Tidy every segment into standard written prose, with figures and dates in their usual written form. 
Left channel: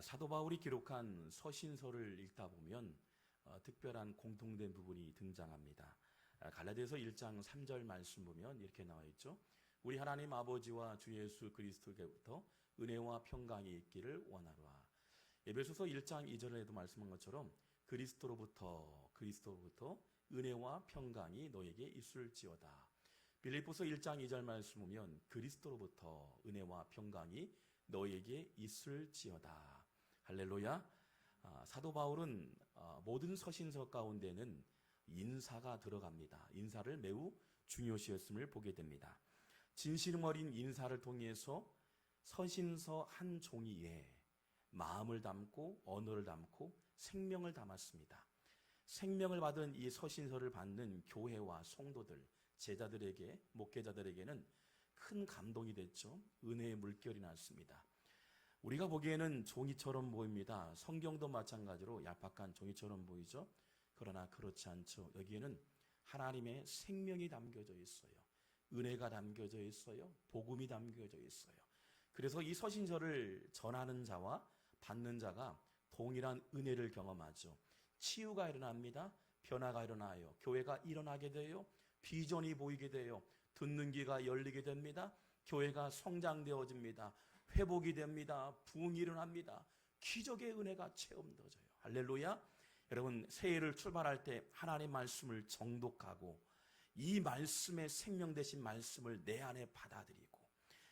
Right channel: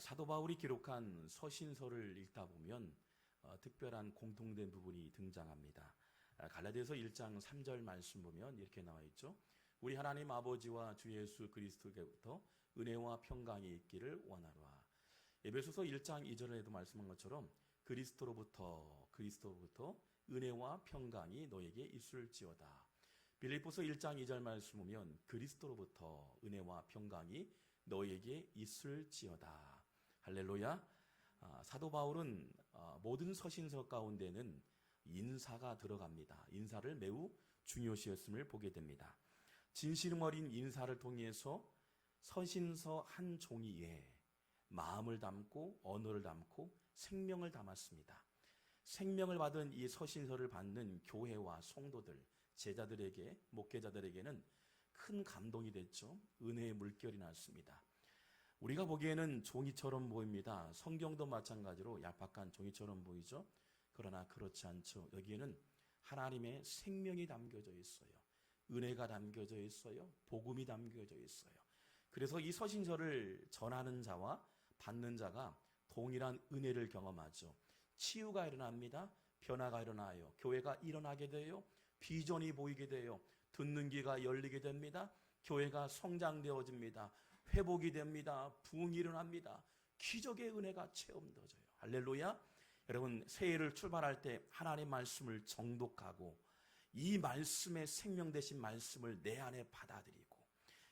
사도 바울이 기록한 서신서를 읽다 보면 특별한 공통된 부분이 등장합니다. 갈라디아서 1장 3절 말씀 보면 이렇게 나와 있죠. 우리 하나님 아버지와 주 예수 그리스도께로부터 은혜와 평강이 있기를 원하노라. 에베소서 1장 2절에도 말씀한 것처럼 그리스도로부터 은혜와 평강이 너에게 있을지어다. 빌립보서 1장 2절 말씀 보면 그리스도로부터 은혜와 평강이 너에게 있을지어다. 할렐루야. 사도 바울은 모든 서신서 가운데는 인사가 들어갑니다. 인사를 매우 중요시했음을 보게 됩니다. 진실음 어린 인사를 통해서 서신서 한 종이에 마음을 담고 언어를 담고 생명을 담았습니다. 생명을 받은 이 서신서를 받는 교회와 성도들, 제자들에게, 목회자들에게는 큰 감동이 됐죠. 은혜의 물결이 났습니다. 우리가 보기에는 종이처럼 보입니다. 성경도 마찬가지로 얄팍한 종이처럼 보이죠. 그러나 그렇지 않죠. 여기에는 하나님의 생명이 담겨져 있어요. 은혜가 담겨져 있어요. 복음이 담겨져 있어요. 그래서 이 서신서를 전하는 자와 받는 자가 동일한 은혜를 경험하죠. 치유가 일어납니다. 변화가 일어나요. 교회가 일어나게 돼요. 비전이 보이게 돼요. 듣는 귀가 열리게 됩니다. 교회가 성장되어집니다. 회복이 됩니다. 부흥이 일어납니다. 기적의 은혜가 체험되어져요. 할렐루야. 여러분, 새해를 출발할 때 하나님의 말씀을 정독하고 이 말씀의 생명 되신 말씀을 내 안에 받아들이고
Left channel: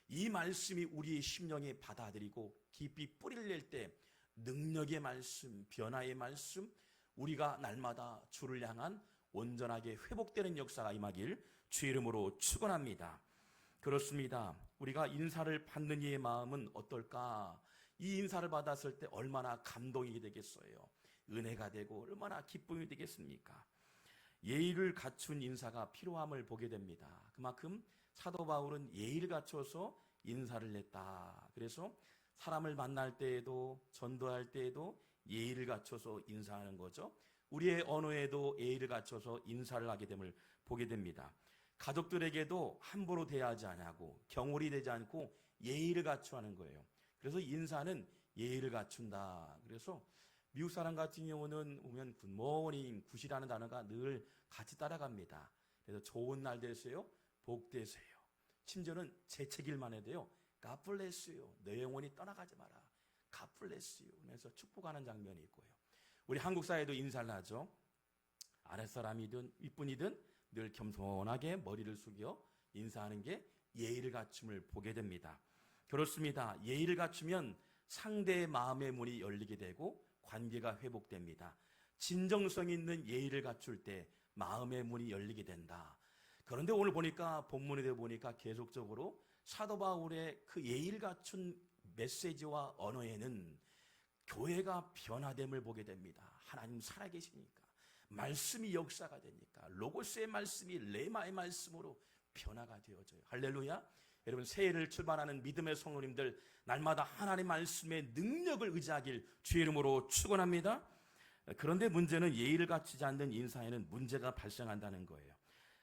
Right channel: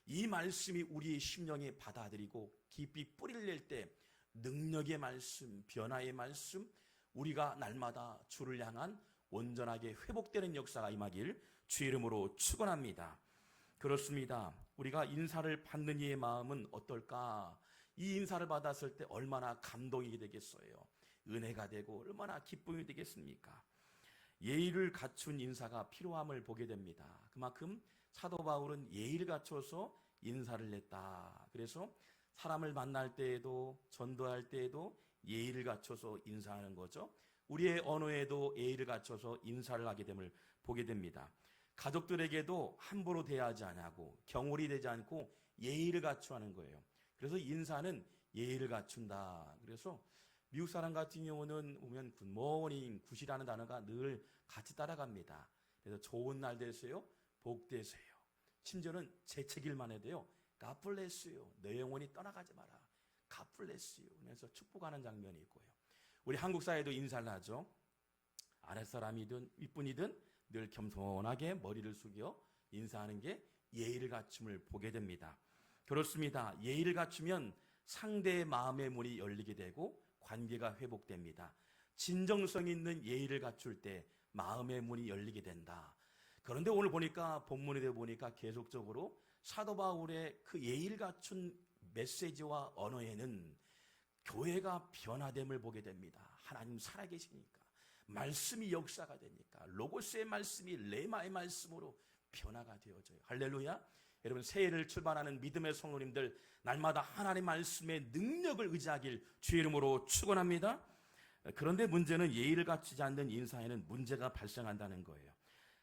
이 말씀이 우리의 심령에 받아들이고 깊이 뿌리를 낼 때 능력의 말씀, 변화의 말씀, 우리가 날마다 주를 향한 온전하게 회복되는 역사가 임하길 주 이름으로 축원합니다. 그렇습니다. 우리가 인사를 받는 이의 마음은 어떨까? 이 인사를 받았을 때 얼마나 감동이 되겠어요. 은혜가 되고 얼마나 기쁨이 되겠습니까? 예의를 갖춘 인사가 필요함을 보게 됩니다. 그만큼 사도 바울은 예의를 갖춰서 인사를 했다. 그래서 사람을 만날 때에도 전도할 때에도 예의를 갖춰서 인사하는 거죠. 우리의 언어에도 예의를 갖춰서 인사를 하게 됨을 보게 됩니다. 가족들에게도 함부로 대하지 않고 경홀이 되지 않고 예의를 갖춰 하는 거예요. 그래서 인사는 예의를 갖춘다. 그래서 미국 사람 같은 경우는 오면 굿모닝, 굿이라는 단어가 늘 같이 따라갑니다. 그래서 좋은 날 되세요. 복 되세요. 심지어는 재채기만 해도요. God bless you. 내 영혼이 떠나가지 마라. God bless you. 그래서 축복하는 장면이 있고요. 우리 한국 사회도 인사를 하죠. 아랫사람이든 윗분이든 늘 겸손하게 머리를 숙여 인사하는 게 예의를 갖춤을 보게 됩니다. 그렇습니다. 예의를 갖추면 상대의 마음의 문이 열리게 되고 관계가 회복됩니다. 진정성 있는 예의를 갖출 때 마음의 문이 열리게 된다. 그런데 오늘 보니까 본문에 보니까 계속적으로 사도 바울의 그 예의를 갖춘 메시지와 언어에는 교회가 변화됨을 보게 됩니다. 하나님 살아계시니까 말씀이 역사가 되니까 로고스의 말씀이 레마의 말씀으로 변화가 되어져요. 할렐루야. 여러분, 새해를 출발하는 믿음의 성도님들 날마다 하나님의 말씀의 능력을 의지하길 주의 이름으로 축원합니다. 그런데 문제는 예의를 갖추지 않는 인사에는 문제가 발생한다는 거예요.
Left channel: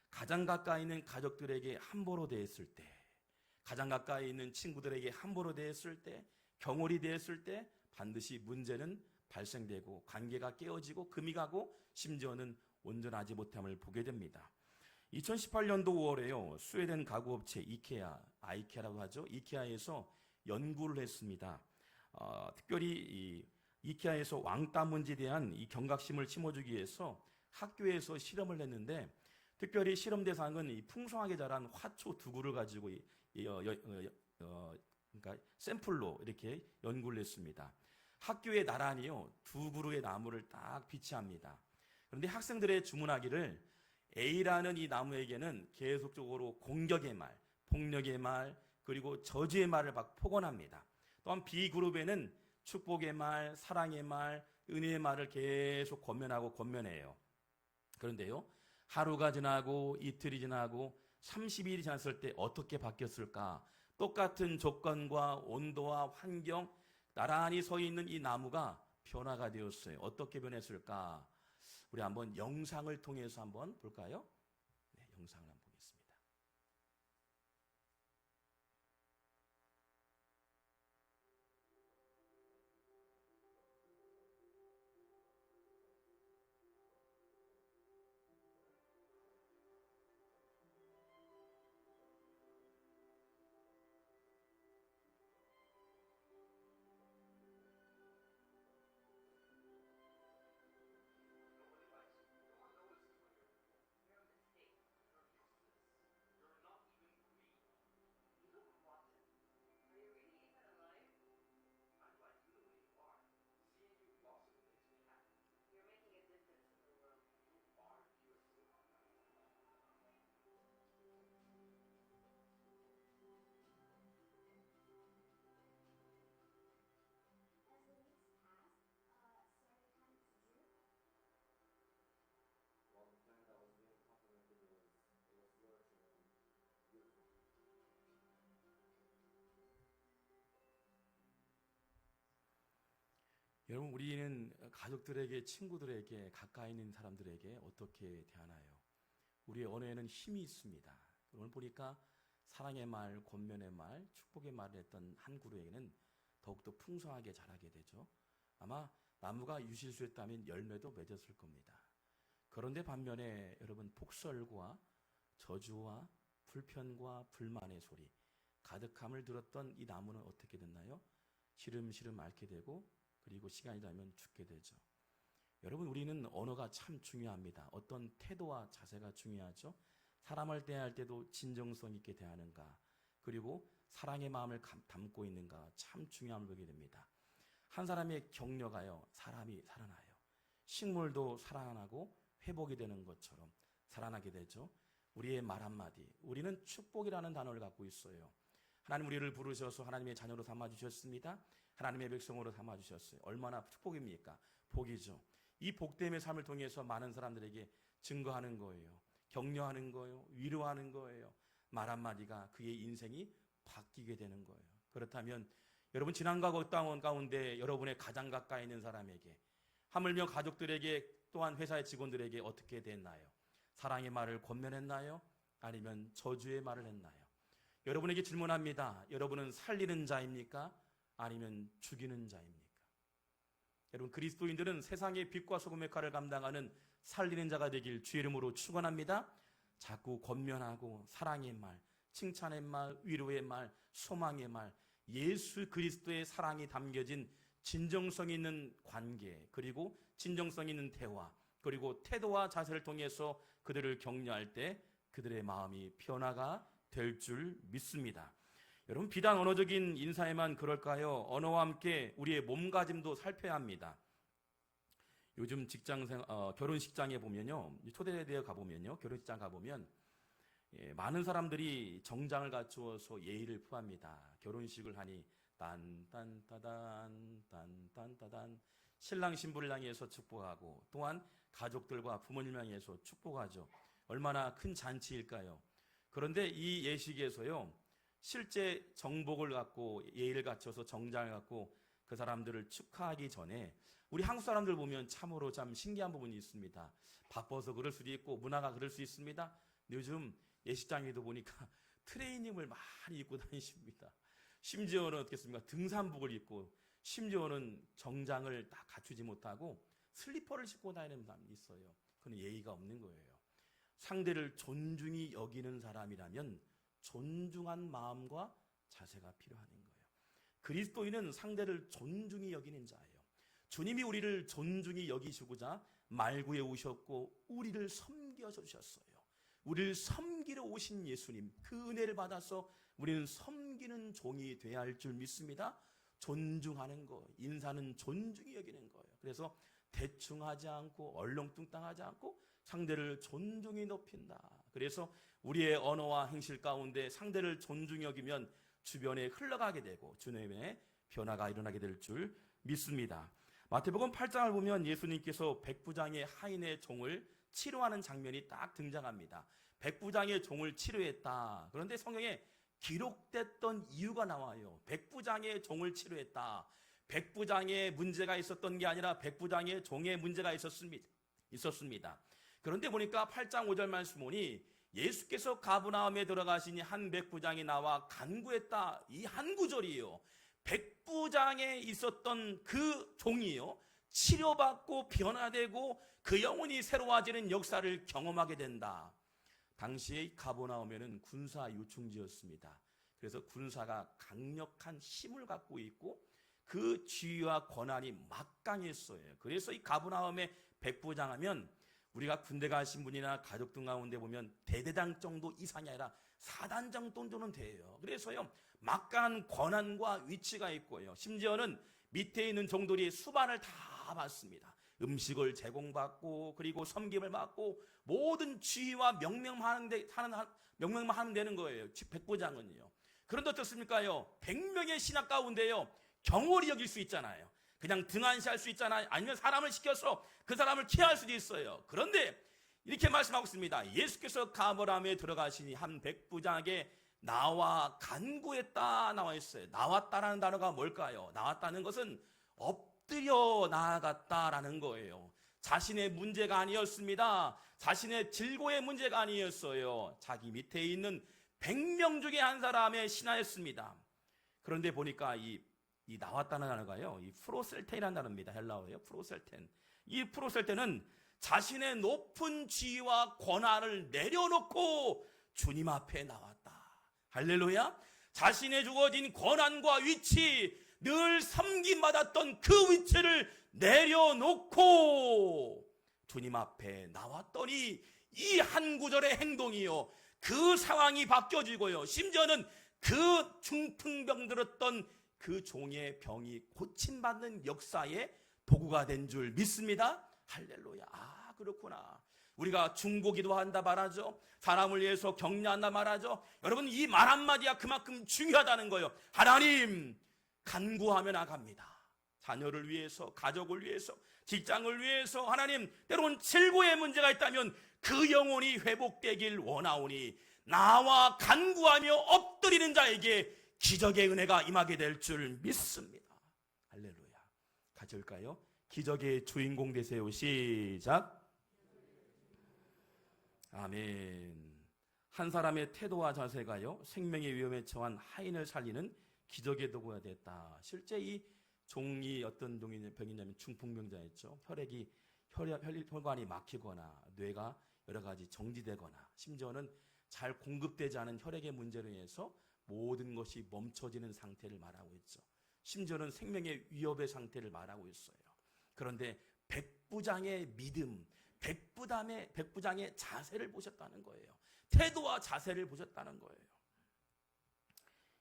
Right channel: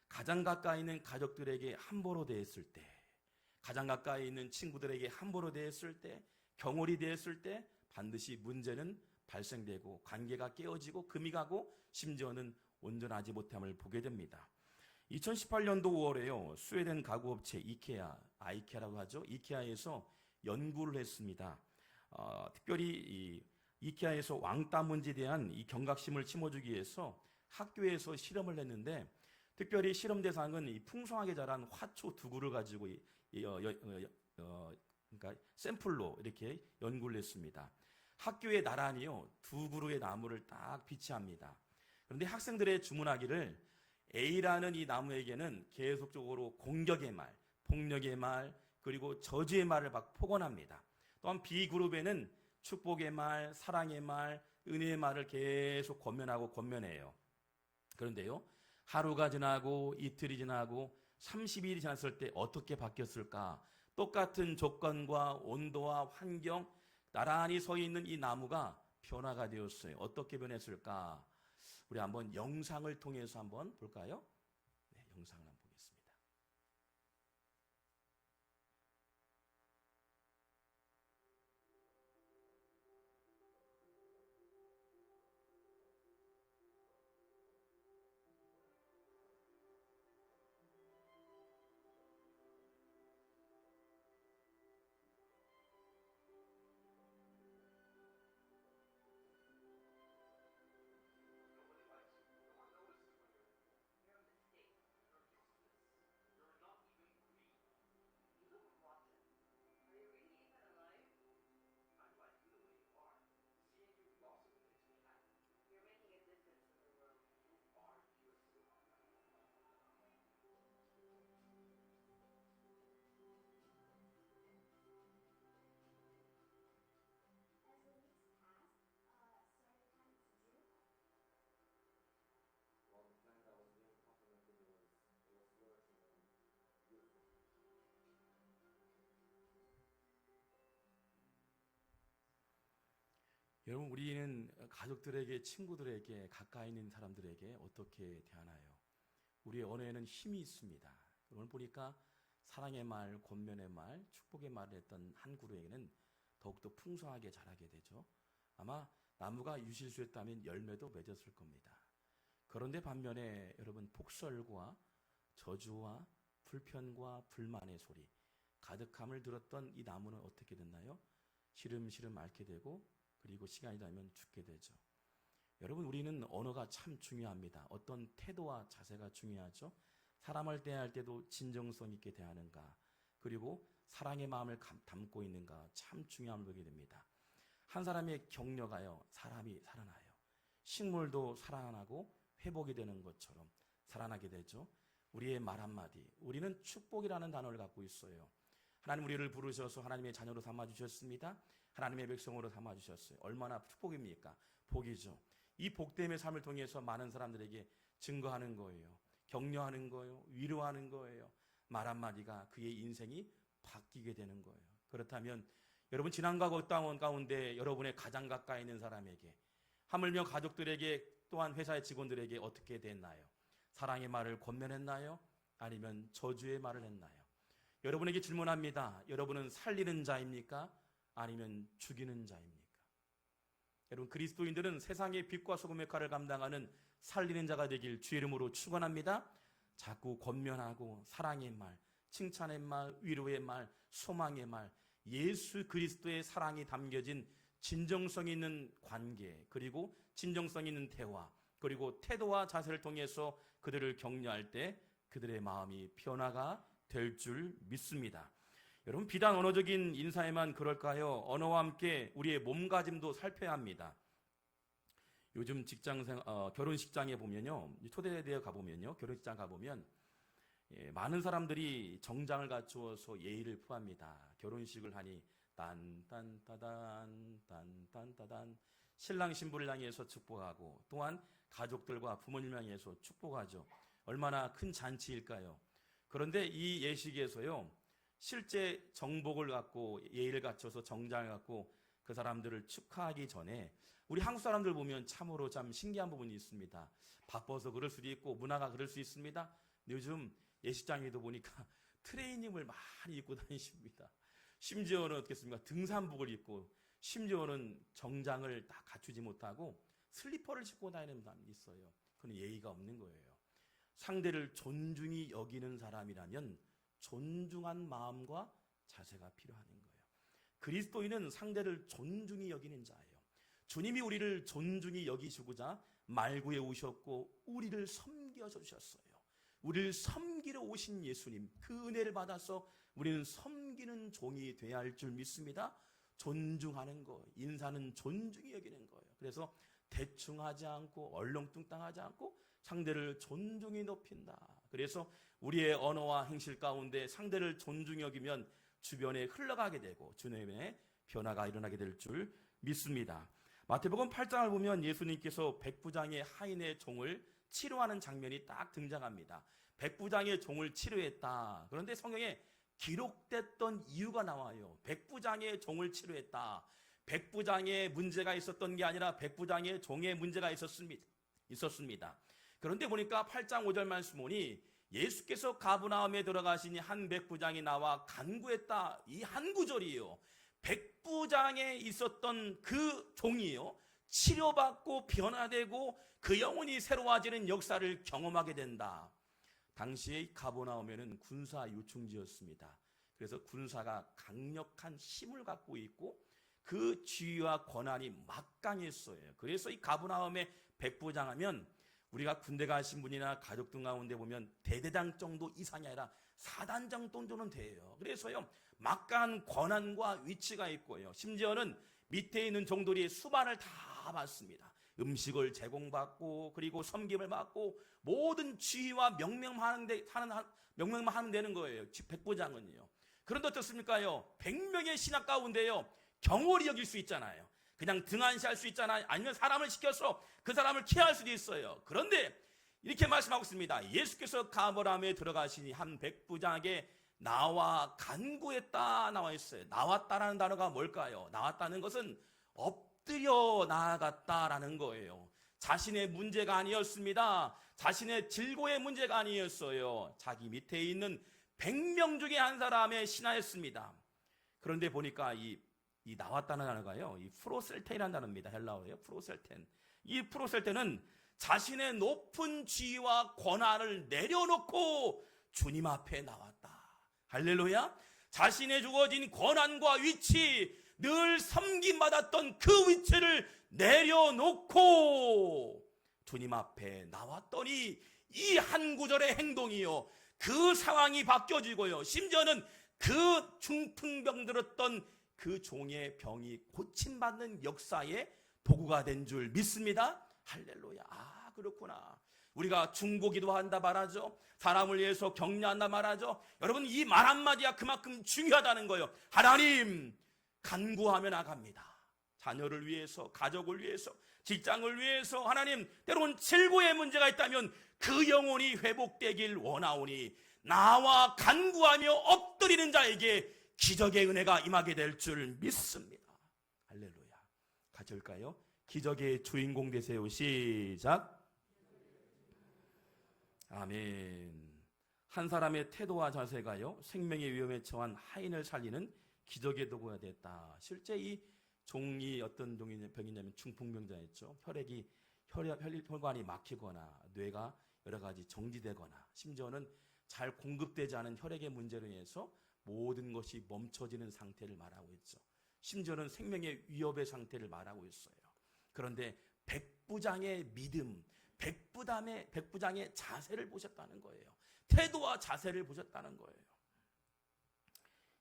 가장 가까이 있는 가족들에게 함부로 대했을 때, 가장 가까이 있는 친구들에게 함부로 대했을 때, 경홀이 대했을 때 반드시 문제는 발생되고 관계가 깨어지고 금이 가고 심지어는 온전하지 못함을 보게 됩니다. 2018년도 5월에요. 스웨덴 가구업체 아이케아라고 하죠. 이케아에서 연구를 했습니다. 특별히 이 이케아에서 왕따 문제에 대한 이 경각심을 심어주기 위해서 학교에서 실험을 했는데 특별히 실험 대상은 이 풍성하게 자란 화초 두구를 가지고 그러니까 샘플로 이렇게 연구를 했습니다. 학교에 나란히요 두 그루의 나무를 딱 비치합니다. 그런데 학생들의 주문하기를 A라는 이 나무에게는 계속적으로 공격의 말, 폭력의 말, 그리고 저주의 말을 막 폭언합니다. 또한 B 그룹에는 축복의 말, 사랑의 말, 은혜의 말을 계속 권면해요. 그런데요, 하루가 지나고 이틀이 지나고 30일이 지났을 때 어떻게 바뀌었을까? 똑같은 조건과 온도와 환경, 나란히 서 있는 이 나무가 변화가 되었어요. 어떻게 변했을까? 우리 한번 영상을 통해서 한번 볼까요? 네, 영상을 한번 보겠습니다. 여러분, 우리는 가족들에게, 친구들에게, 가까이 있는 사람들에게 어떻게 대하나요? 우리의 언어에는 힘이 있습니다. 오늘 보니까 사랑의 말, 권면의 말, 축복의 말을 했던 한 그루에게는 더욱더 풍성하게 자라게 되죠. 아마 나무가 유실수였다면 열매도 맺었을 겁니다. 그런데 반면에 여러분, 복설과 저주와 불편과 불만의 소리, 가득함을 들었던 이 나무는 어떻게 됐나요? 시름시름 앓게 되고, 그리고 시간이 지나면 죽게 되죠. 여러분, 우리는 언어가 참 중요합니다. 어떤 태도와 자세가 중요하죠. 사람을 대할 때도 진정성 있게 대하는가, 그리고 사랑의 마음을 담고 있는가, 참 중요함을 보게 됩니다. 한 사람의 격려가요, 사람이 살아나요. 식물도 살아나고 회복이 되는 것처럼 살아나게 되죠. 우리의 말 한마디, 우리는 축복이라는 단어를 갖고 있어요. 하나님 우리를 부르셔서 하나님의 자녀로 삼아주셨습니다. 하나님의 백성으로 삼아주셨어요. 얼마나 축복입니까? 복이죠. 이 복됨의 삶을 통해서 많은 사람들에게 증거하는 거예요. 격려하는 거예요. 위로하는 거예요. 말 한마디가 그의 인생이 바뀌게 되는 거예요. 그렇다면 여러분, 지난 과거 땅원 가운데 여러분의 가장 가까이 있는 사람에게, 하물며 가족들에게, 또한 회사의 직원들에게 어떻게 됐나요? 사랑의 말을 권면했나요? 아니면 저주의 말을 했나요? 여러분에게 질문합니다. 여러분은 살리는 자입니까? 아니면 죽이는 자입니까? 여러분, 그리스도인들은 세상의 빛과 소금의 역할을 감당하는 살리는 자가 되길 주의 이름으로 축원합니다. 자꾸 권면하고 사랑의 말, 칭찬의 말, 위로의 말, 소망의 말, 예수 그리스도의 사랑이 담겨진 진정성 있는 관계, 그리고 진정성 있는 대화, 그리고 태도와 자세를 통해서 그들을 격려할 때 그들의 마음이 변화가 될 줄 믿습니다. 여러분, 비단 언어적인 인사에만 그럴까요? 언어와 함께 우리의 몸가짐도 살펴야 합니다. 요즘 결혼식장에 보면요, 초대되어 가보면요, 결혼식장 가보면 많은 사람들이 정장을 갖추어서 예의를 표합니다. 결혼식을 하니 딴딴따단 딴딴따단, 신랑 신부를 향해서 축복하고, 또한 가족들과 부모님을 향해서 축복하죠. 얼마나 큰 잔치일까요? 그런데 이 예식에서요, 실제 정복을 갖고 예의를 갖춰서 정장을 갖고 그 사람들을 축하하기 전에 우리 한국 사람들 보면 참으로 참 신기한 부분이 있습니다. 바빠서 그럴 수도 있고 문화가 그럴 수 있습니다. 요즘 예식장에도 보니까 트레이닝을 많이 입고 다니십니다. 심지어는 어떻겠습니까? 등산복을 입고, 심지어는 정장을 다 갖추지 못하고 슬리퍼를 신고 다니는 사람이 있어요. 그건 예의가 없는 거예요. 상대를 존중히 여기는 사람이라면 존중한 마음과 자세가 필요한 거예요. 그리스도인은 상대를 존중히 여기는 자예요. 주님이 우리를 존중히 여기시고자 말구에 오셨고 우리를 섬겨서 주셨어요. 우리를 섬기러 오신 예수님, 그 은혜를 받아서 우리는 섬기는 종이 되어야 할 줄 믿습니다. 존중하는 거, 인사는 존중히 여기는 거예요. 그래서 대충 하지 않고 얼렁뚱땅하지 않고 상대를 존중히 높인다. 그래서 우리의 언어와 행실 가운데 상대를 존중히 여기면 주변에 흘러가게 되고 주님의 변화가 일어나게 될 줄 믿습니다. 마태복음 8장을 보면 예수님께서 백부장의 하인의 종을 치료하는 장면이 딱 등장합니다. 백부장의 종을 치료했다. 그런데 성경에 기록됐던 이유가 나와요. 백부장의 종을 치료했다. 백부장의 문제가 있었던 게 아니라 백부장의 종의 문제가 있었습니다. 그런데 보니까 8장 5절 말씀 보니 예수께서 가브나움에 들어가시니 한 백부장이 나와 간구했다. 이 한 구절이요, 백부장에 있었던 그 종이요, 치료받고 변화되고 그 영혼이 새로워지는 역사를 경험하게 된다. 당시에 가버나움에는 군사 요충지였습니다. 그래서 군사가 강력한 힘을 갖고 있고 그 지위와 권한이 막강했어요. 그래서 이 가버나움의 백부장 하면 우리가 군대 가신 분이나 가족들 가운데 보면 대대장 정도 이상이 아니라 사단장 정도는 돼요. 그래서요, 막강한 권한과 위치가 있고요, 심지어는 밑에 있는 종들이 수반을 다 받습니다. 음식을 제공받고 그리고 섬김을 받고 모든 지위와 명령만 하면 되는 거예요. 백부장은요. 그런데 어떻습니까요? 100명의 신하 가운데요, 경홀히 여길 수 있잖아요. 그냥 등한시할 수 있잖아요. 아니면 사람을 시켜서 그 사람을 케어할 수도 있어요. 그런데 이렇게 말씀하고 있습니다. 예수께서 가버나움에 들어가시니 한 백부장에게 나와 간구했다 나와 있어요. 나왔다라는 단어가 뭘까요? 나왔다는 것은 엎드려 나아갔다라는 거예요. 자신의 문제가 아니었습니다. 자신의 질고의 문제가 아니었어요. 자기 밑에 있는 100명 중에 한 사람의 신하였습니다. 그런데 보니까 이 나왔다는 단어가요, 이 프로셀텐이라는 단어입니다. 헬라어예요. 프로셀텐. 이 프로셀텐은 자신의 높은 지위와 권한을 내려놓고 주님 앞에 나왔다. 할렐루야. 자신의 주어진 권한과 위치, 늘 섬김받았던 그 위치를 내려놓고 주님 앞에 나왔더니 이 한 구절의 행동이요, 그 상황이 바뀌어지고요, 심지어는 그 중풍병 들었던 그 종의 병이 고침받는 역사의 도구가 된 줄 믿습니다. 할렐루야. 아, 그렇구나. 우리가 중보기도 한다 말하죠. 사람을 위해서 격려한다 말하죠. 여러분, 이 말 한마디가 그만큼 중요하다는 거예요. 하나님, 간구하며 나갑니다. 자녀를 위해서, 가족을 위해서, 직장을 위해서. 하나님, 때론 질고의 문제가 있다면 그 영혼이 회복되길 원하오니 나와 간구하며 엎드리는 자에게 기적의 은혜가 임하게 될 줄 믿습니다. 할렐루야. 같이 할까요? 기적의 주인공 되세요. 시작. 아멘. 한 사람의 태도와 자세가요, 생명의 위험에 처한 하인을 살리는 기적의 도구가 됐다. 실제 이 종이 어떤 병이냐면 중풍병자였죠. 혈관이 막히거나 뇌가 여러 가지 정지되거나 심지어는 잘 공급되지 않은 혈액의 문제로 인해서 모든 것이 멈춰지는 상태를 말하고 있죠. 심지어는 생명의 위협의 상태를 말하고 있어요. 그런데 백부장의 믿음, 백부장의 자세를 보셨다는 거예요. 태도와 자세를 보셨다는 거예요.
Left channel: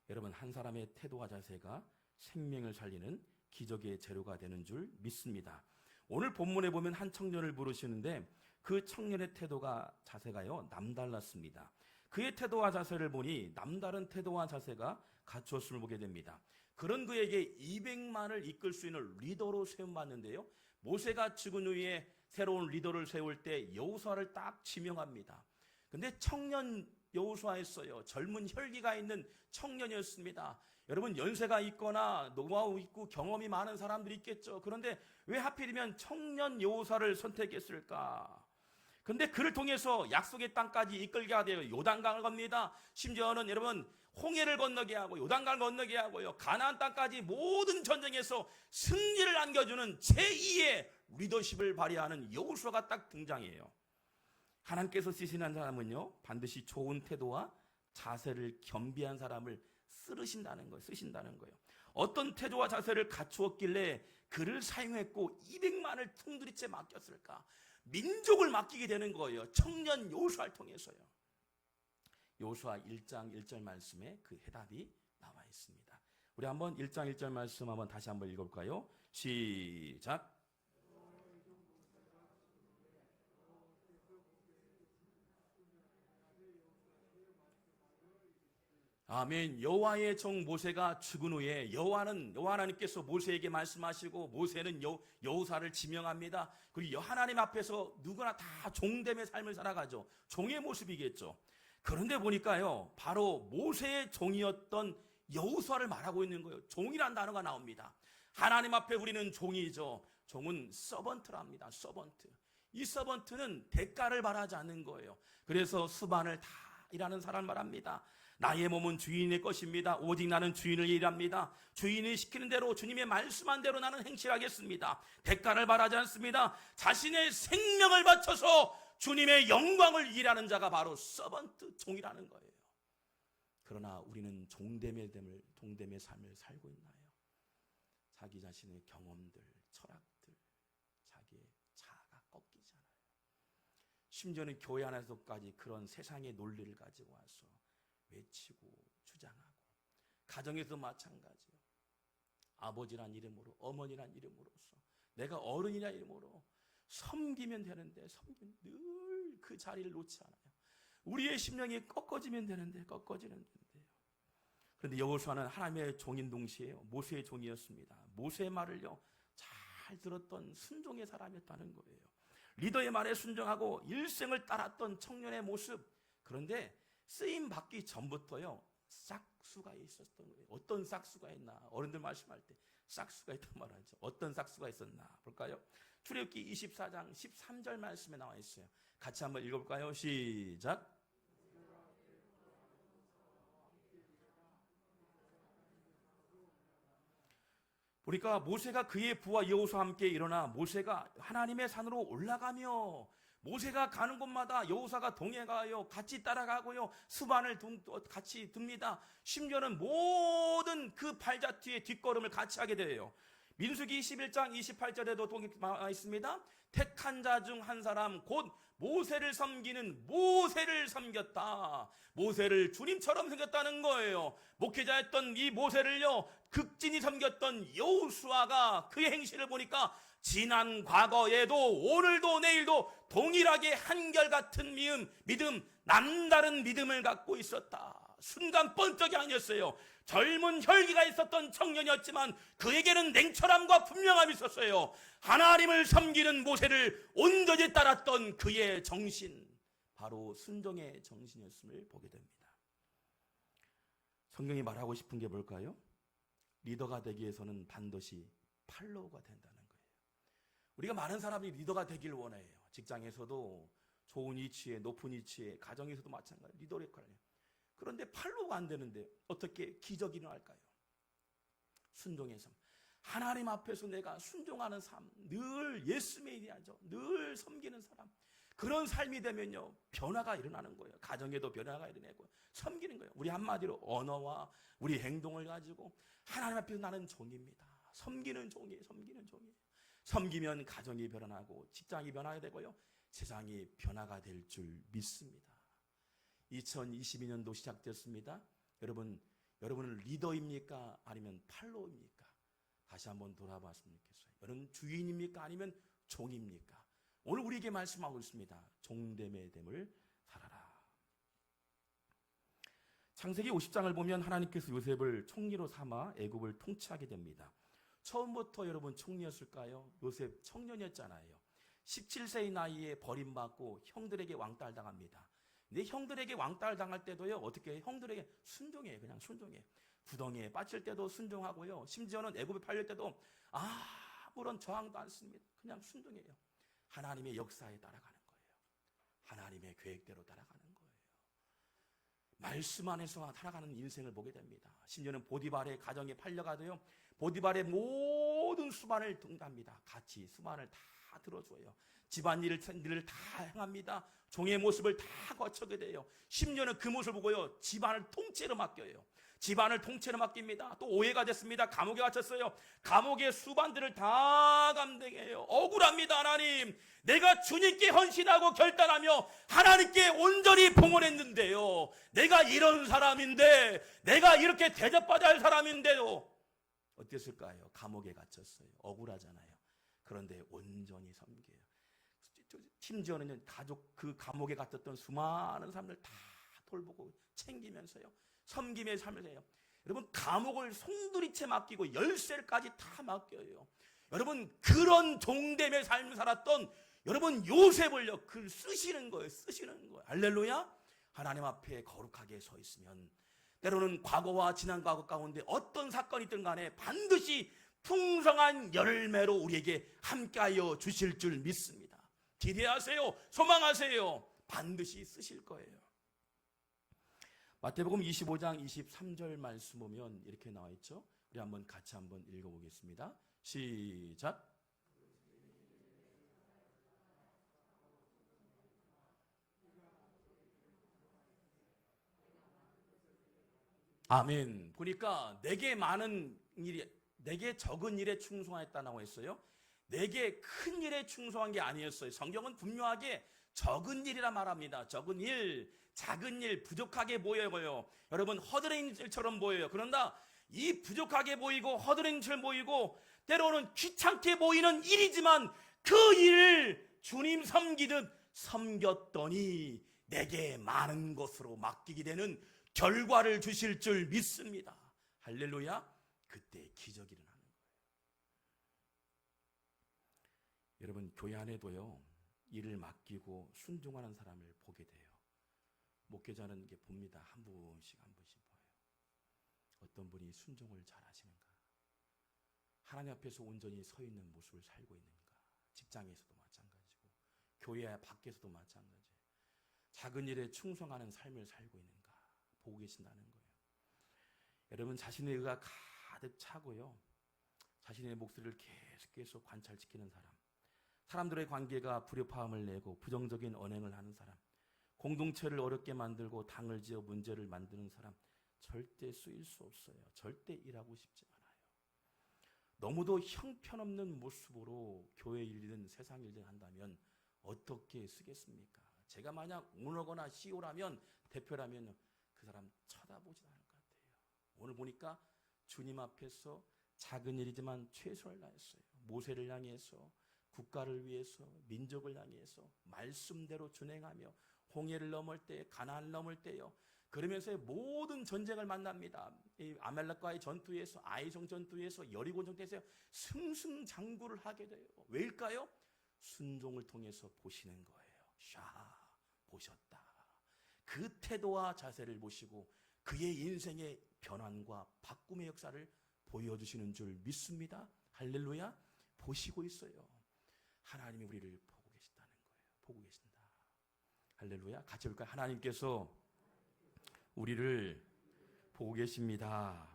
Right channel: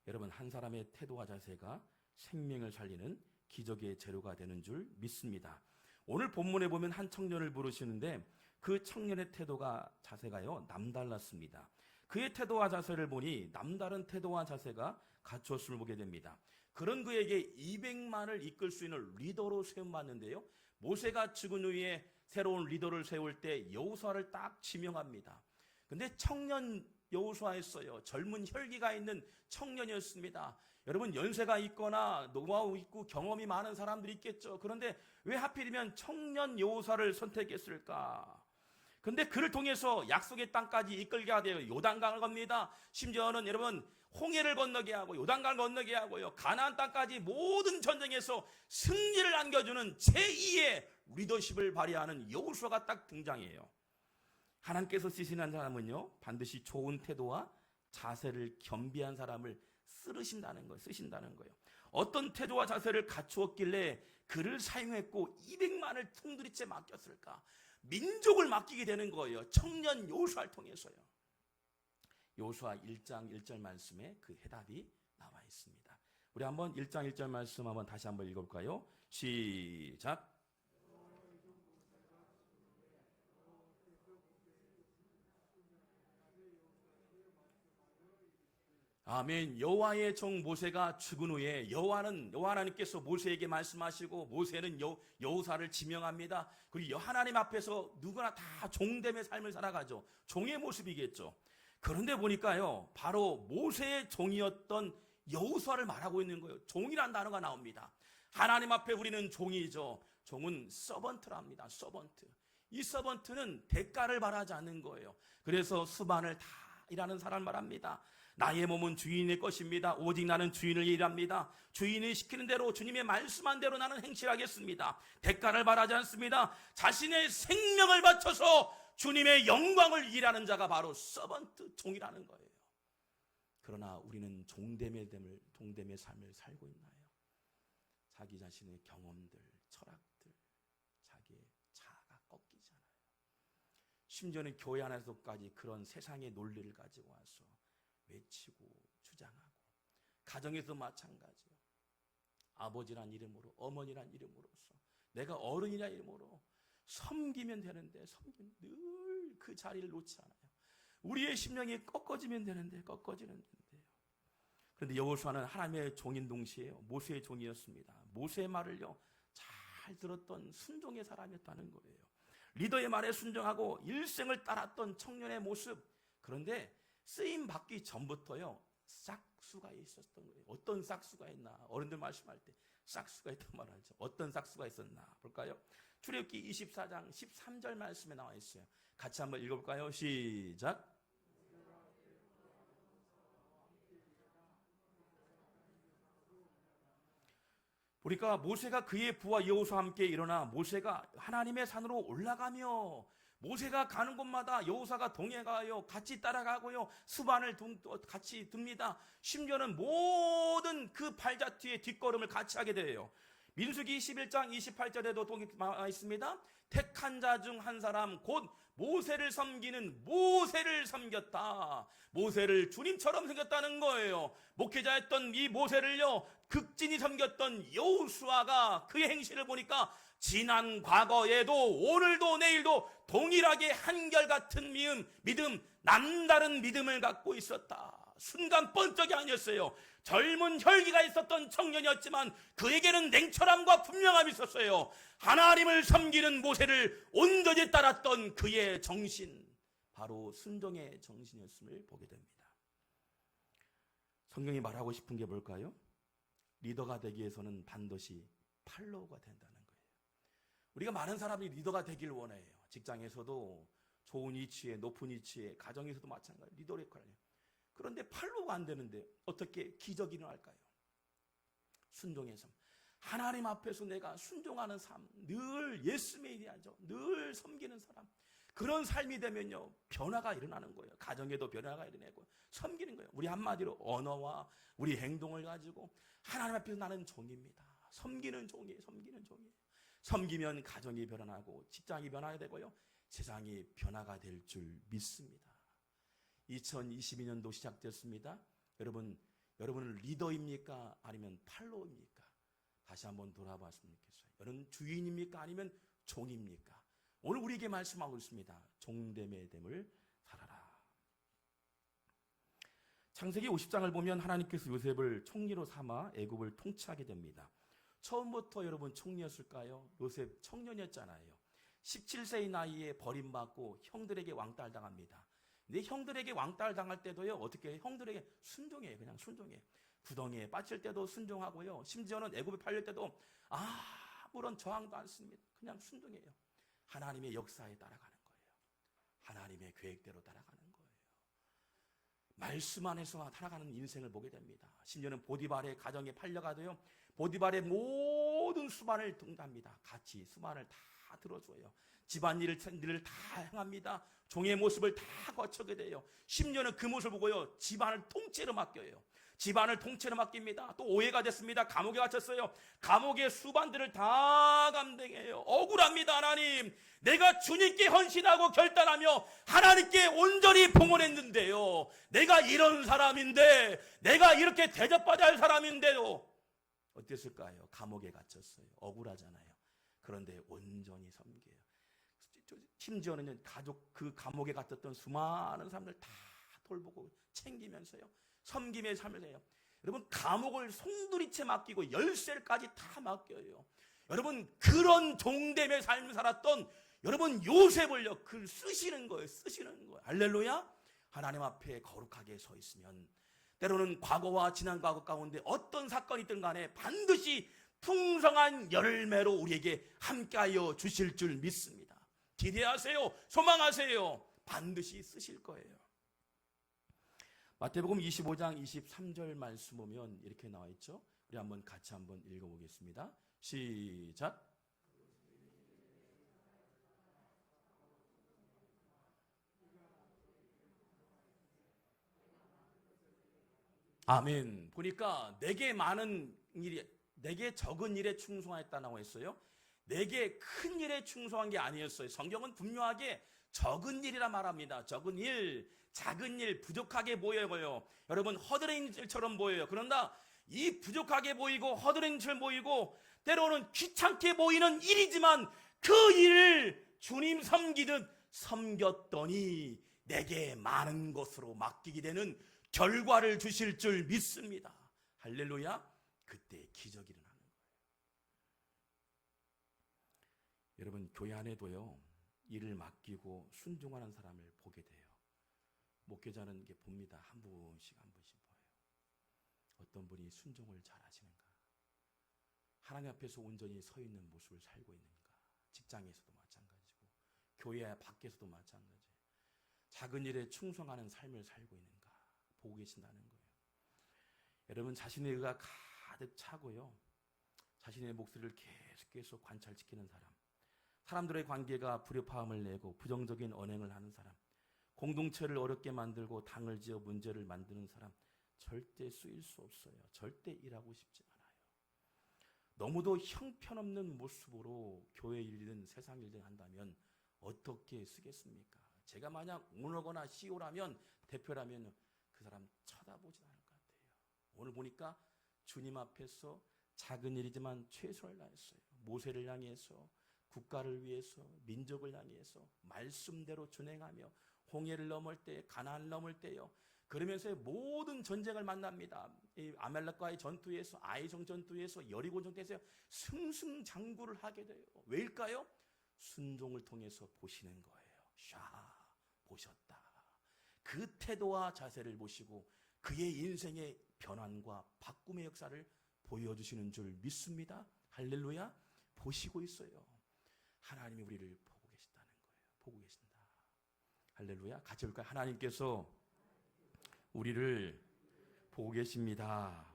여러분, 한 사람의 태도와 자세가 생명을 살리는 기적의 재료가 되는 줄 믿습니다. 오늘 본문에 보면 한 청년을 부르시는데 그 청년의 태도가 자세가요, 남달랐습니다. 그의 태도와 자세를 보니 남다른 태도와 자세가 갖추었음을 보게 됩니다. 그런 그에게 200만을 이끌 수 있는 리더로 세움받는데요, 모세가 죽은 후에 새로운 리더를 세울 때 여호수아를 딱 지명합니다. 근데 청년 여호수아였어요. 젊은 혈기가 있는 청년이었습니다. 여러분, 연세가 있거나 노하우 있고 경험이 많은 사람들이 있겠죠. 그런데 왜 하필이면 청년 여호수아를 선택했을까? 근데 그를 통해서 약속의 땅까지 이끌게 하되어 요단강을 겁니다. 심지어는 여러분, 홍해를 건너게 하고 요단강을 건너게 하고요, 가나안 땅까지 모든 전쟁에서 승리를 안겨주는 제2의 리더십을 발휘하는 여호수아가 딱 등장해요. 하나님께서 쓰시는 사람은요, 반드시 좋은 태도와 자세를 겸비한 사람을 쓰신다는 거예요. 어떤 태도와 자세를 갖추었길래 그를 사용했고 200만을 풍두리째 맡겼을까? 민족을 맡기게 되는 거예요. 청년 여호수아를 통해서요. 여호수아 1장 1절 말씀에 그 해답이 나와 있습니다. 우리 한번 1장 1절 말씀 한번 다시 한번 읽어볼까요? 시작. 아멘. 여호와의 종 모세가 죽은 후에 여호와 하나님께서 모세에게 말씀하시고 모세는 여호사를 지명합니다. 그리고 하나님 앞에서 누구나 다 종됨의 삶을 살아가죠. 종의 모습이겠죠. 그런데 보니까요, 바로 모세의 종이었던 여호수아를 말하고 있는 거예요. 종이라는 단어가 나옵니다. 하나님 앞에 우리는 종이죠. 종은 서번트랍니다. 서번트. 이 서번트는 대가를 바라지 않는 거예요. 그래서 수반을 다 일하는 사람을 말합니다. 나의 몸은 주인의 것입니다. 오직 나는 주인을 일합니다. 주인이 시키는 대로, 주님의 말씀한 대로 나는 행실하겠습니다. 대가를 바라지 않습니다. 자신의 생명을 바쳐서 주님의 영광을 일하는 자가 바로 서번트, 종이라는 거예요. 그러나 우리는 종됨의 삶을 살고 있나요? 자기 자신의 경험들, 철학들, 자기의 자아가 꺾이잖아요. 심지어는 교회 안에서까지 그런 세상의 논리를 가지고 와서 외치고 주장하고, 가정에서 마찬가지요. 아버지란 이름으로, 어머니란 이름으로서, 내가 어른이란 이름으로 섬기면 되는데 늘 그 자리를 놓지 않아요. 우리의 심령이 꺾어지면 되는데 꺾어지는데요. 그런데 여호수아는 하나님의 종인 동시에 모세의 종이었습니다. 모세의 말을요, 잘 들었던 순종의 사람이었다는 거예요. 리더의 말에 순종하고 일생을 따랐던 청년의 모습. 그런데 쓰임 받기 전부터요, 싹수가 있었던 거예요. 어떤 싹수가 있나? 어른들 말씀할 때 싹수가 있단 말이죠. 어떤 싹수가 있었나 볼까요? 출애굽기 24장 13절 말씀에 나와 있어요. 같이 한번 읽어볼까요? 시작. 보니까 모세가 그의 부하 여호수아와 함께 일어나 모세가 하나님의 산으로 올라가며 모세가 가는 곳마다 여호수아가 동행하여 같이 따라가고요. 수반을 같이 둡니다. 심지어는 모든 그 발자취의 뒷걸음을 같이 하게 돼요. 민수기 21장 28절에도 나와 있습니다. 택한 자 중 한 사람 곧 모세를 섬기는 모세를 섬겼다. 모세를 주님처럼 섬겼다는 거예요. 목회자였던 이 모세를요, 극진히 섬겼던 여호수아가 그의 행실을 보니까 지난 과거에도 오늘도 내일도 동일하게 한결같은 믿음, 남다른 믿음을 갖고 있었다. 순간 번쩍이 아니었어요. 젊은 혈기가 있었던 청년이었지만 그에게는 냉철함과 분명함이 있었어요. 하나님을 섬기는 모세를 온전히 따랐던 그의 정신, 바로 순종의 정신이었음을 보게 됩니다. 성경이 말하고 싶은 게 뭘까요? 리더가 되기 위해서는 반드시 팔로우가 된다는 거예요. 우리가 많은 사람이 리더가 되기를 원해요. 직장에서도 좋은 위치에, 높은 위치에, 가정에서도 마찬가지 리더 역할을 해요. 그런데 팔로우가 안 되는데 어떻게 기적이 일어날까요? 순종의 삶. 하나님 앞에서 내가 순종하는 삶, 늘 예수님이야죠. 늘 섬기는 사람. 그런 삶이 되면요, 변화가 일어나는 거예요. 가정에도 변화가 일어나고 섬기는 거예요. 우리 한마디로 언어와 우리 행동을 가지고 하나님 앞에서 나는 종입니다. 섬기는 종이에요. 섬기는 종이에요. 섬기면 가정이 변화하고 직장이 변화가 되고요, 세상이 변화가 될 줄 믿습니다. 2022년도 시작됐습니다. 여러분은 리더입니까? 아니면 팔로우입니까? 다시 한번 돌아봤으면 좋겠어요. 여러분 주인입니까? 아니면 종입니까? 오늘 우리에게 말씀하고 있습니다. 종됨의 됨을 살아라. 창세기 50장을 보면 하나님께서 요셉을 총리로 삼아 애굽을 통치하게 됩니다. 처음부터 여러분 총리였을까요? 요셉 청년이었잖아요. 17세의 나이에 버림받고 형들에게 왕따당합니다. 근데 형들에게 왕따당할 때도요, 어떻게 해요? 형들에게 순종해요. 그냥 순종해요. 구덩이에 빠질 때도 순종하고요. 심지어는 애굽에 팔릴 때도 아무런 저항도 않습니다. 그냥 순종해요. 하나님의 역사에 따라가는 거예요. 하나님의 계획대로 따라가는 거예요. 말씀 안에서 살아가는 인생을 보게 됩니다. 심지어는 보디발의 가정에 팔려가도요, 보디발의 모든 수반을 등답니다. 같이 수반을 다 들어줘요. 집안일을 다 행합니다. 종의 모습을 다 거쳐게 돼요. 심지어는 그 모습을 보고요, 집안을 통째로 맡겨요. 집안을 통째로 맡깁니다. 또 오해가 됐습니다. 감옥에 갇혔어요. 감옥의 수반들을 다 감당해요. 억울합니다. 하나님, 내가 주님께 헌신하고 결단하며 하나님께 온전히 봉헌했는데요, 내가 이런 사람인데, 내가 이렇게 대접받아야 할 사람인데요, 어땠을까요? 감옥에 갇혔어요. 억울하잖아요. 그런데 온전히 섬겨요. 심지어는 가족, 그 감옥에 갇혔던 수많은 사람들 다 돌보고 챙기면서요, 섬김의 삶을 해요. 여러분, 감옥을 송두리째 맡기고 열쇠까지 다 맡겨요. 여러분, 그런 종됨의 삶을 살았던 여러분 요셉을요, 글 쓰시는 거예요. 쓰시는 거예요. 할렐루야. 하나님 앞에 거룩하게 서 있으면 때로는 과거와 지난 과거 가운데 어떤 사건이든 간에 반드시 풍성한 열매로 우리에게 함께하여 주실 줄 믿습니다. 기대하세요. 소망하세요. 반드시 쓰실 거예요. 마태복음 25장 23절 말씀 보면 이렇게 나와 있죠. 우리 한번 같이 한번 읽어보겠습니다. 시작. 아멘. 보니까 내게 적은 일에 충성하였다라고 했어요. 내게 큰 일에 충성한 게 아니었어요. 성경은 분명하게 적은 일이라 말합니다. 적은 일, 작은 일, 부족하게 보여요. 여러분, 허드렛 일처럼 보여요. 그러나 이 부족하게 보이고 허드렛 일처럼 보이고 때로는 귀찮게 보이는 일이지만 그 일을 주님 섬기듯 섬겼더니 내게 많은 것으로 맡기게 되는 결과를 주실 줄 믿습니다. 할렐루야. 그때 기적이 일어나는 거예요. 여러분, 교회 안에도요, 일을 맡기고 순종하는 사람을 보게 돼요. 목회자는 이게 봅니다. 한 분씩 한 분씩 보여요. 어떤 분이 순종을 잘 하시는가, 하나님 앞에서 온전히 서 있는 모습을 살고 있는가? 직장에서도 마찬가지고 교회 밖에서도 마찬가지예요. 작은 일에 충성하는 삶을 살고 있는가 보고 계신다는 거예요. 여러분 자신의 의가 가득 차고요. 자신의 목소리를 계속 관찰시키는 사람, 사람들의 관계가 불협화음을 내고 부정적인 언행을 하는 사람, 공동체를 어렵게 만들고 당을 지어 문제를 만드는 사람 절대 쓰일 수 없어요. 절대 일하고 싶지 않아요. 너무도 형편없는 모습으로 교회 일이든 세상 일이든 한다면 어떻게 쓰겠습니까? 제가 만약 오너거나 CEO라면, 대표라면 그 사람 쳐다보지 않을 것 같아요. 오늘 보니까 주님 앞에서 작은 일이지만 최선을 다했어요. 모세를 향해서, 국가를 위해서, 민족을 향해서 말씀대로 준행하며 홍해를 넘을 때, 가나안을 넘을 때요. 그러면서 모든 전쟁을 만납니다. 이 아말렉과의 전투에서, 아이성 전투에서, 여리고 전투에서 승승장구를 하게 돼요. 왜일까요? 순종을 통해서 보시는 거예요. 샤, 보셨다. 그 태도와 자세를 보시고 그의 인생의 변환과 바꿈의 역사를 보여주시는 줄 믿습니다. 할렐루야. 보시고 있어요. 하나님이 우리를 보고 계신다는 거예요. 보고 계신다. 할렐루야. 같이 볼까요? 하나님께서 우리를 보고 계십니다.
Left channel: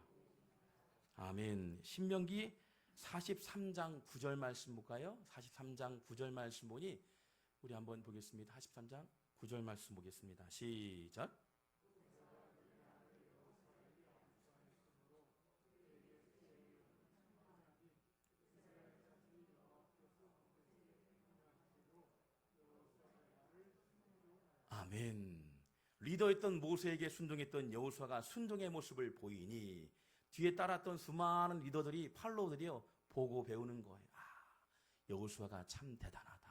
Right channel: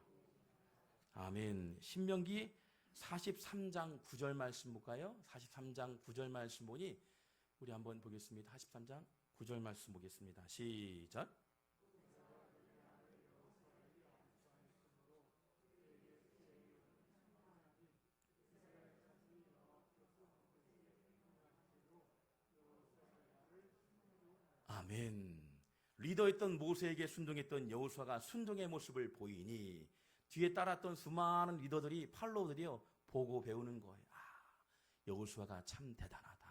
아멘. 신명기 43장 9절 말씀 볼까요? 43장 9절 말씀 보니 우리 한번 보겠습니다. 43장 9절 말씀 보겠습니다. 시작. 아멘. 리더였던 모세에게 순종했던 여호수아가 순종의 모습을 보이니 뒤에 따랐던 수많은 리더들이 팔로우들이요 보고 배우는 거예요. 아, 여호수아가 참 대단하다.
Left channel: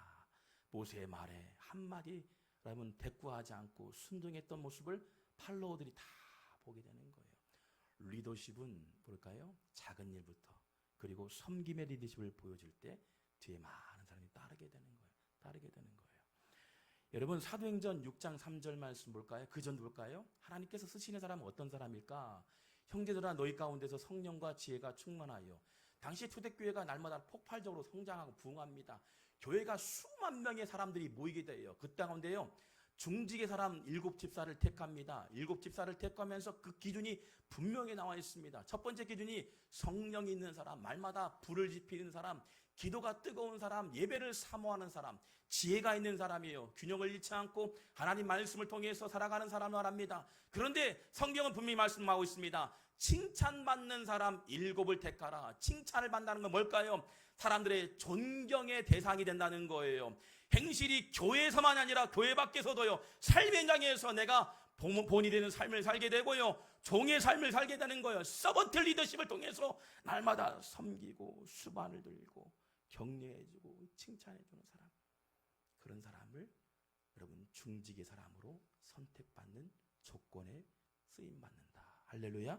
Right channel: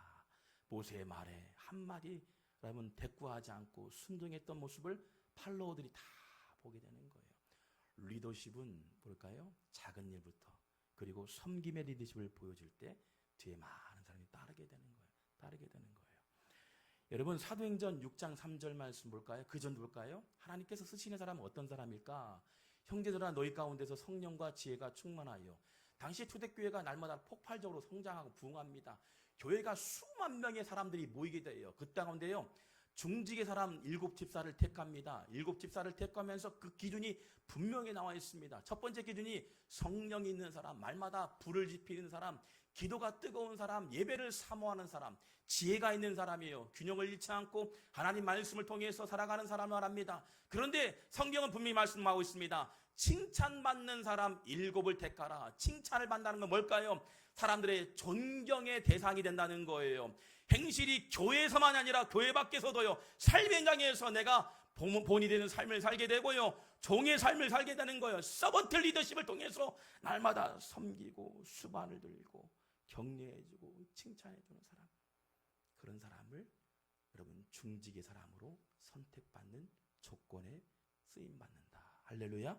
모세의 말에 한마디라면 대꾸하지 않고 순종했던 모습을 팔로우들이 다 보게 되는 거예요. 리더십은 뭘까요? 작은 일부터 그리고 섬김의 리더십을 보여줄 때 뒤에 많은 사람이 따르게 되는 거예요. 따르게 되는 거예요. 여러분 사도행전 6장 3절 말씀 볼까요? 그 전 볼까요? 하나님께서 쓰시는 사람은 어떤 사람일까? 형제들아 너희 가운데서 성령과 지혜가 충만하여. 당시 초대교회가 날마다 폭발적으로 성장하고 부흥합니다. 교회가 수만 명의 사람들이 모이게 돼요. 그 가운데요 중직의 사람 7집사를 택합니다. 7집사를 택하면서 그 기준이 분명히 나와 있습니다. 첫 번째 기준이 성령이 있는 사람, 말마다 불을 지피는 사람, 기도가 뜨거운 사람, 예배를 사모하는 사람, 지혜가 있는 사람이에요. 균형을 잃지 않고 하나님 말씀을 통해서 살아가는 사람을 말합니다. 그런데 성경은 분명히 말씀하고 있습니다. 칭찬받는 사람 7을 택하라. 칭찬을 받는다는 건 뭘까요? 사람들의 존경의 대상이 된다는 거예요. 행실이 교회에서만 아니라 교회 밖에서도요. 삶의 현장에서 내가 본이 되는 삶을 살게 되고요. 종의 삶을 살게 되는 거예요. 서번트 리더십을 통해서 날마다 섬기고 수반을 들고 격려해주고 칭찬해주는 사람. 그런 사람을 여러분 중직의 사람으로 선택받는 조건에 쓰임받는다. 할렐루야.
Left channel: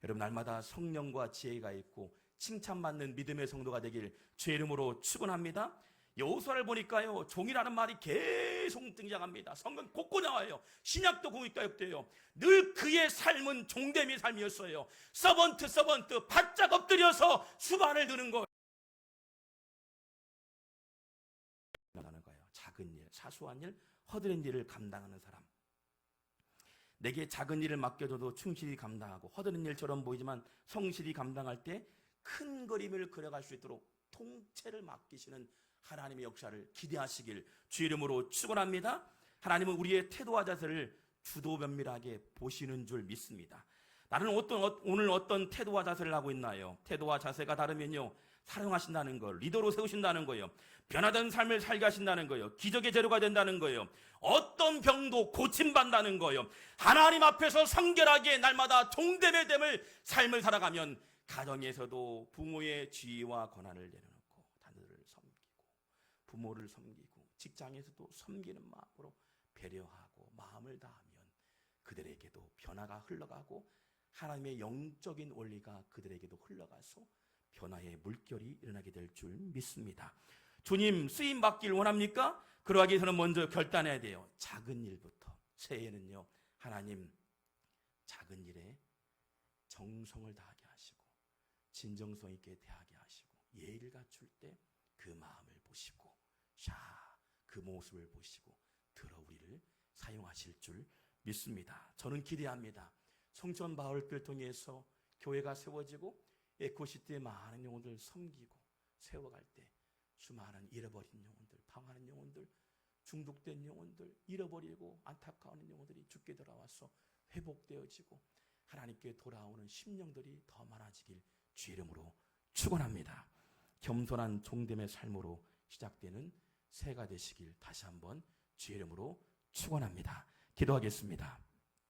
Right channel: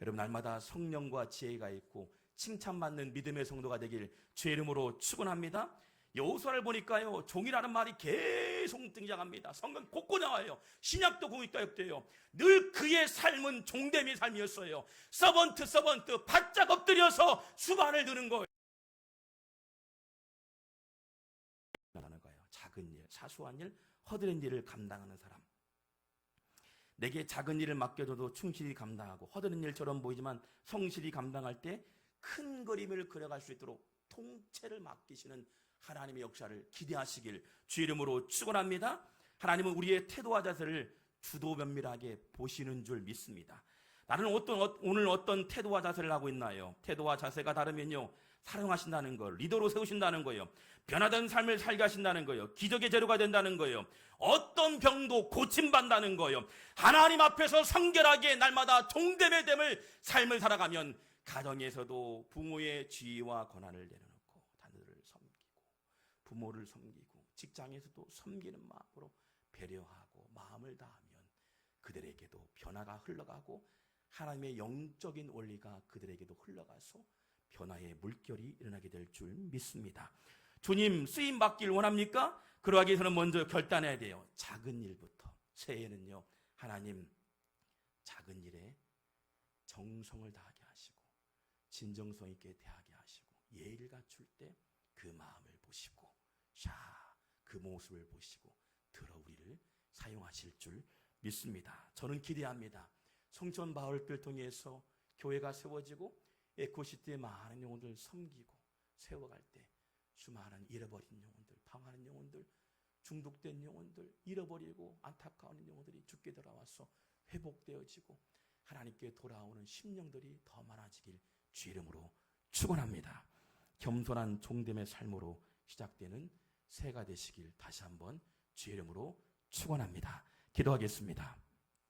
여러분 날마다 성령과 지혜가 있고 칭찬받는 믿음의 성도가 되길 주의 이름으로 축원합니다. 여호수아를 보니까요 종이라는 말이 계속 등장합니다. 성경 곳곳 나와요. 신약도 공익가역도요. 늘 그의 삶은 종대비 삶이었어요. 서번트 바짝 엎드려서 수반을 드는 거예요. 작은 일, 사소한 일, 허드렛 일을 감당하는 사람. 내게 작은 일을 맡겨줘도 충실히 감당하고 허드렛 일처럼 보이지만 성실히 감당할 때 큰 그림을 그려갈 수 있도록 통째를 맡기시는 하나님의 역사를 기대하시길 주의 이름으로 축원합니다. 하나님은 우리의 태도와 자세를 주도 면밀하게 보시는 줄 믿습니다. 나는 오늘 어떤 태도와 자세를 하고 있나요? 태도와 자세가 다르면요 사랑하신다는 거, 리더로 세우신다는 거예요. 변화된 삶을 살게 하신다는 거예요. 기적의 재료가 된다는 거예요. 어떤 병도 고침받는다는 거예요. 하나님 앞에서 성결하게 날마다 종됨의 됨을 삶을 살아가면 가정에서도 부모의 지위와 권한을 내려놓고 자녀들을 섬기고 부모를 섬기고 직장에서도 섬기는 마음으로 배려하고 마음을 다하면 그들에게도 변화가 흘러가고 하나님의 영적인 원리가 그들에게도 흘러가서 변화의 물결이 일어나게 될 줄 믿습니다. 주님 쓰임 받기를 원합니까? 그러기 위해서는 먼저 결단해야 돼요. 작은 일부터. 새해에는요 하나님 작은 일에 정성을 다하게 하시고 진정성 있게 대하게 하시고 예의를 갖출 때 그 마음을 보시고 그 모습을 보시고 들어 우리를 사용하실 줄 믿습니다. 저는 기대합니다. 송천 마을을 통해서 교회가 세워지고 에코시티의 많은 영혼들 섬기고 세워갈 때 수많은 잃어버린 영혼들, 방황하는 영혼들, 중독된 영혼들, 잃어버리고 안타까운 영혼들이 주께 돌아와서 회복되어지고 하나님께 돌아오는 심령들이 더 많아지길 주 이름으로 축원합니다. 겸손한 종됨의 삶으로 시작되는 새해가 되시길 다시 한번 주 이름으로 축원합니다. 기도하겠습니다.